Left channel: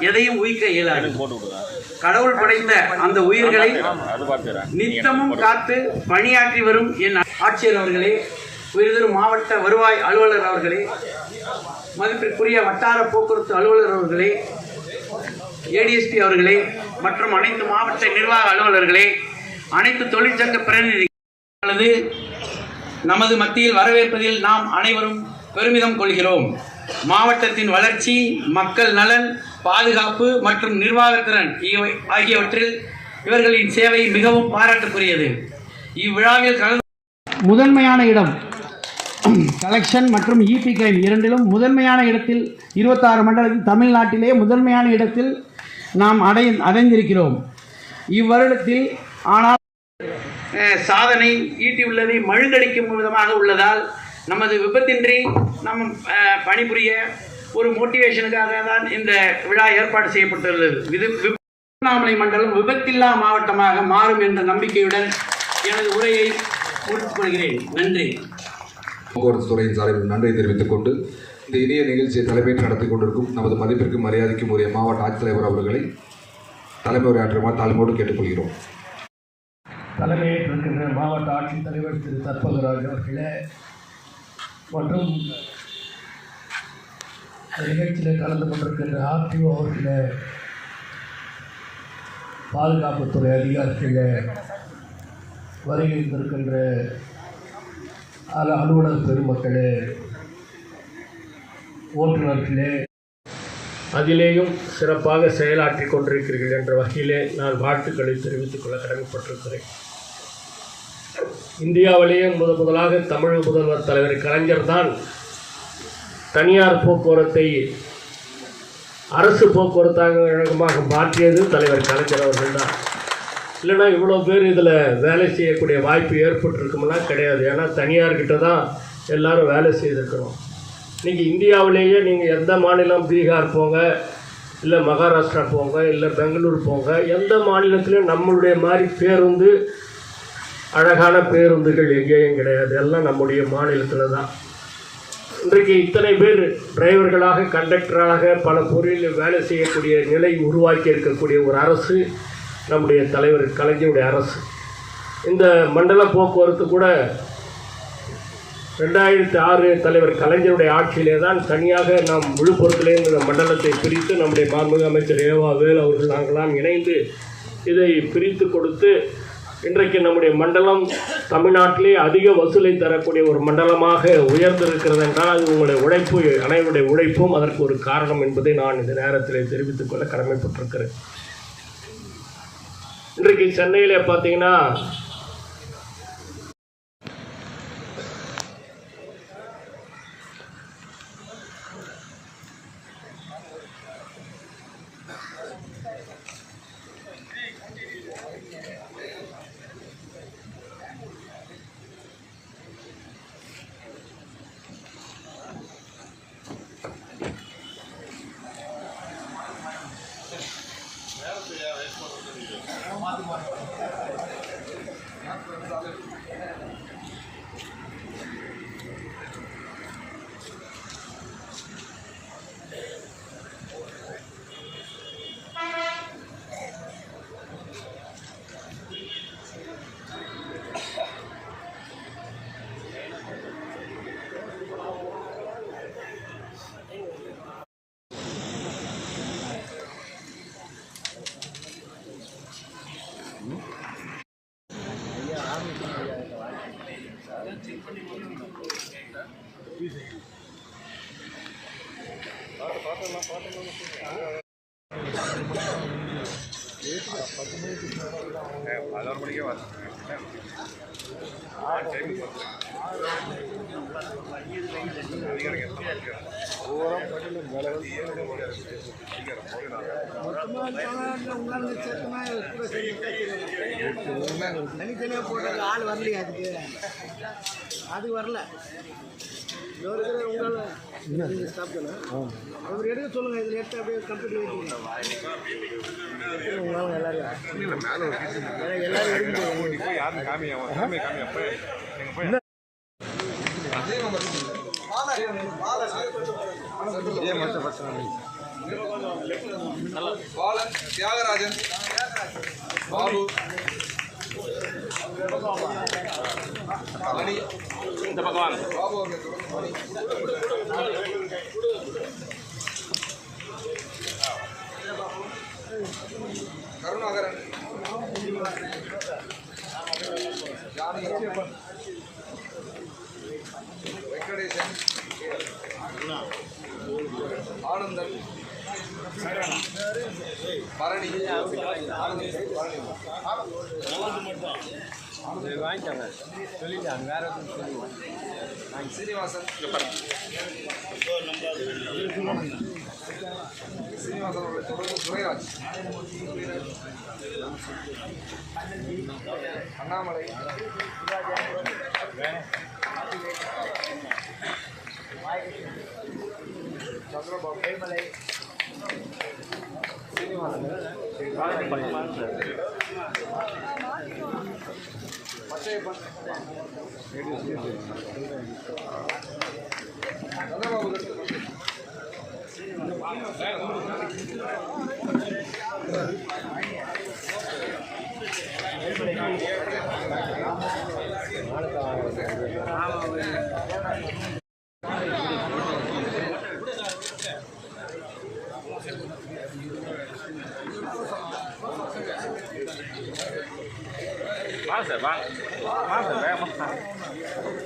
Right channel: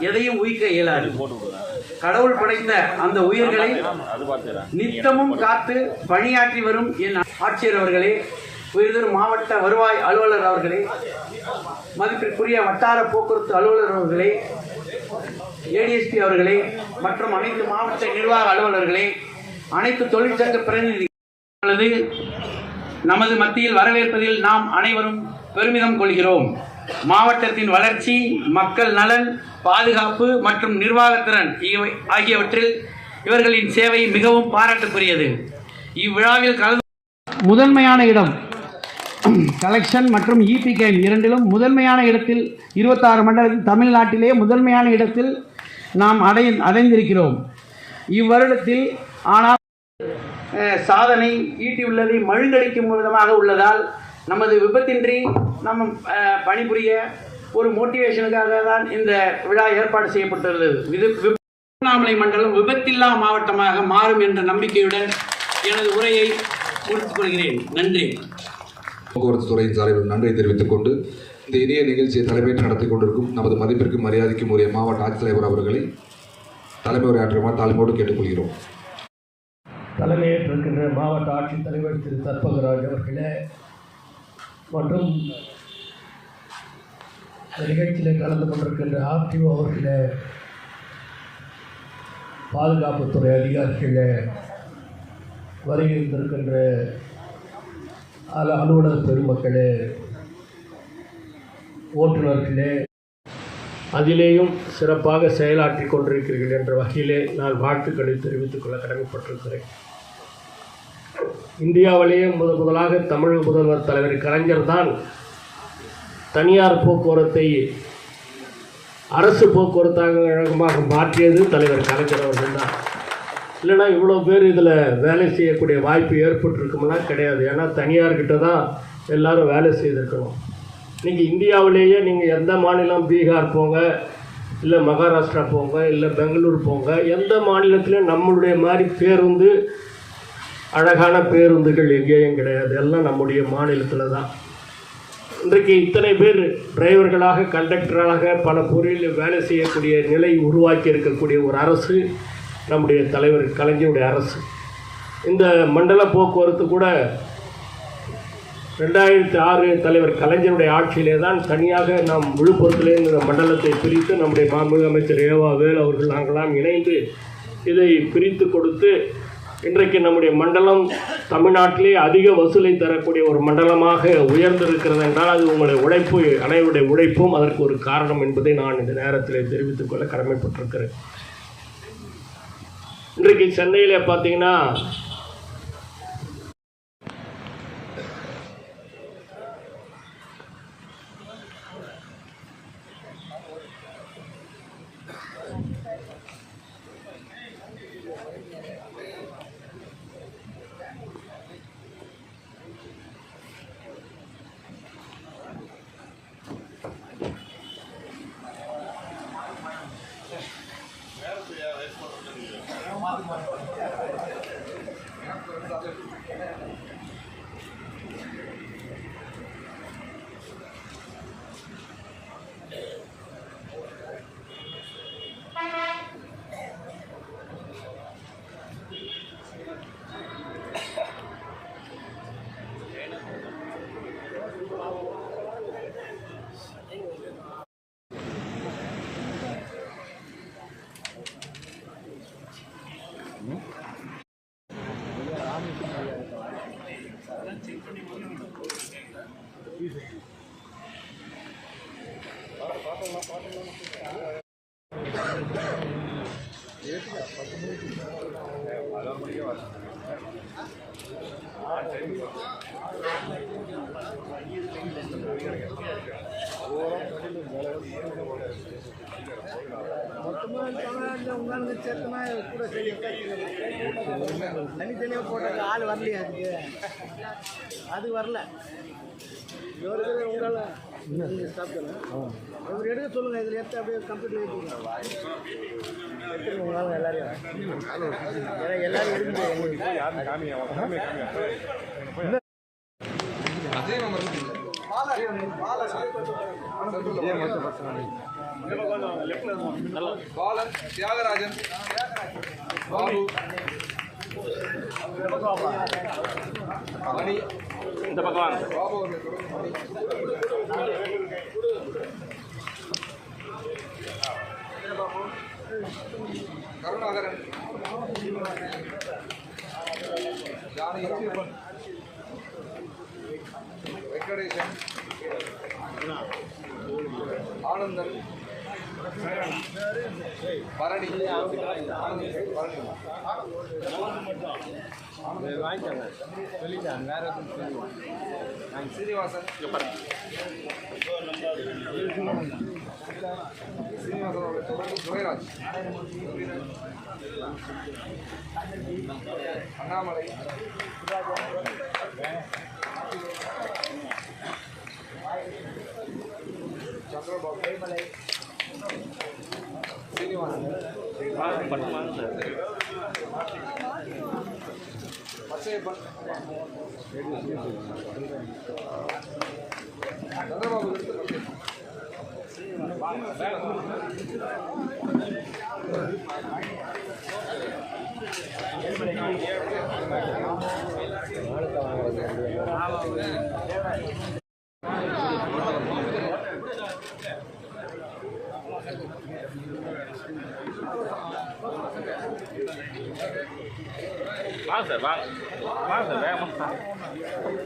எதையும் உயிர்க்க இயலாது. கடவுள் படைத்த அந்த உயிர்களை நித்தமும் காத்து பணியாற்றி வரும் என் ஆட்சியர் அவர்களே உயிர்தரும் மாவட்ட வருவாய் அலுவலர் அவர்களே மதிப்பிற்குரிய வட்டார போக்குவரத்து அலுவலர் அவர்களே ஏடிஎஸ்பி அவர்களே மற்றும் அனைத்து மாவட்ட நிர்வாக அலுவலர்களே அனைத்து தொழிற்சங்க பிரதிநிதிகளது நமது மத்தியில் வரவேற்பதில் நாம் அனைவரும் பெருமிதம் கொள்கிறோம். மாவட்டத்தின் வளர்ச்சி மக்கள் நலன் பாதுகாப்பு மற்றும் நிர்வாகத்திறன் இவை ஆகியவற்றில் இவர்களின் சேவை மிகவும் பாராட்டுக்குரியது. இவ்விழாவில் கலந்து முதன்மையான இடம் கலெக்ஷன் மற்றும் இபி கேம் இரண்டிலும் முதன்மையான இடத்தில் இருபத்தாறு மண்டலத்தில் தமிழ்நாட்டிலே முதன்மையான இடத்தில் நாம் அடை அடைந்திருக்கிறோம். இவ்வருடத்தில் ஆனால் சாதனை ஈட்டியுள்ளதை மழுங்கடிக்கும் விதமாக உள்ளதால் நமது விபத்தின்றி நம் பணிபுரிய ஒரு மோட்டிவேஷனுக்காக தான் இந்த விழா ஏற்பாடு செய்யப்பட்டுள்ளது. இது விப- திருவண்ணாமலை மண்டலம் விபத்தில்லா மாவட்டமாக மாறும் என்ற நம்பிக்கையுடன் எனது உரையை முடித்துக் கொள்கிறேன். நன்றி. போக்குவரத்து துறையின் சார்பில் நன்றியை தெரிவித்துக் கொண்டு இந்த இனிய நிகழ்ச்சியை தலைமையேற்று நடத்தி கொண்டிருக்கும் நமது மதிப்பிற்கும் மரியாதைக்கும் உரிய மாவட்ட ஆட்சித்தலைவர் அவர்களை தலைமை உரையாற்றுமாறு தாழ்மையோடு கேட்டுக்கொள்கிறோம். தலைமையேற்றிருக்கின்ற மாவட்ட ஆட்சித்தலைவர் திரு தற்பகராஜ் அவர்களே மற்றும் இந்த நிகழ்ச்சியில் கலந்து கொண்டிருக்கின்ற ஆர்டிஓ அவர்களே பாதுகாப்புத்துறை அதிகாரிகளே வருகின்றிருக்கின்ற அல அலுவலர் பெருமக்களே ஓட்டுநர்களே அதிலேயும் சிறப்பாக செயலாற்றி கொண்டிருக்கிறீர்கள் என்ற வகையிலே நான் வாழ்த்துக்களை தெரிவித்துக் கொள்ள கடமைப்பட்டிருக்கிறேன். இந்தியாவிலேயே முத முதலாக தமிழக முதல்வர் தலைவர் கலைஞர் தான் தனியார் போக்குவரத்தை அரசு போக்குவரத்தாக மாற்றியது தலைவர் கலைஞர் அவர்கள் தான். இல்லைன்னா இவ்வளோ பேர் இதில் வேலை செய்யக்கூடிய வாய்ப்பு ஏற்பட்டிருக்கும்னா கிடையாது. ஏன்னா தனியார்கிட்ட தான் எல்லாரும் வேலை செய்திருக்கணும் நீங்கள் இந்தியாவிலேயே நீங்கள் எந்த மாநிலம் பீகார் போங்க இல்லை மகாராஷ்டிரா போங்க இல்லை பெங்களூர் போங்க எந்த மாநிலத்திலையும் நம்மளுடைய மாதிரி பேருந்து அழகான பேருந்துகள் எங்கேயும் கிடையாது. எல்லாம் நம்முடைய மாநிலத்தில் தான். இன்றைக்கு இத்தனை பேர் டிரைவர்களாக கண்டக்டராக பல பொருளில் வேலை செய்யக்கூடிய நிலை உருவாக்கி இருக்கக்கூடிய ஒரு அரசு நம்முடைய தலைவர் கலைஞருடைய அரசு. இந்த மண்டல போக்குவரத்து கூட ரெண்டாயிரத்தி ஆறு தலைவர் கலைஞருடைய ஆட்சியிலே தான் தனியாக நாம் விழுப்புரத்திலே இந்த மண்டலத்தை பிரித்து நம்முடைய மாண்புமிகு அமைச்சர் ஏவா வேல் அவர்கள் நாங்களாம் இணைந்து இதை பிரித்து கொடுத்து இன்றைக்கு நம்முடைய மண்டலம் தமிழ்நாட்டிலே அதிக வசூலை தரக்கூடிய ஒரு மண்டலமாக உயர்ந்திருக்கிறது என்றால் அது உங்களுடைய உழைப்பு அனைவருடைய உழைப்பும் அதற்கு ஒரு காரணம் என்பதை நான் இந்த நேரத்தில் தெரிவித்துக் கொள்ள கடமைப்பட்டிருக்கிறேன். இன்றைக்கு சென்னையில் பார்த்தீங்கன்னா பண்ணி கொண்டு தனித்தனியாக போட்டாங்க ஆள் வரலையா அதுக்கு அது வரல உங்களால் ஸ்டாப் பண்ணலாம் அவர் எடுக்க சொல்லுங்கள் இதில் எடுத்து அப்படியே கம்ப்யூட்டர் வைக்கணும் உங்களால் எல்லாரையும் ஏன்னா எல்லாரும் எடுக்க பாலன் தியாகராஜன் பாபு. மணி இந்த பக்கம் வாங்க பாபு அவர்கள் கருணாகரன் ஜானகி வெங்கடேசன் ஆனந்தன். பரணி ஆனந்த் பரணி சீனிவாசன் சீனிவாசன் அவர்கள் தொடர்பு துரைராஜ் அண்ணாமலை சந்திரபாபு சீனிவாசன் சந்திரபாபு வாங்க சார் வாங்க வாங்க சார் வேகமாக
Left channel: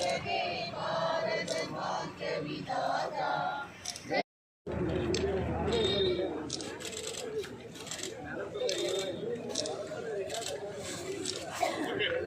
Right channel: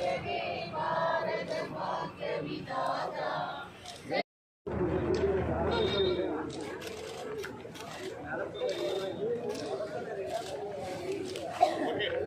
हे भारत भाग्य विधाता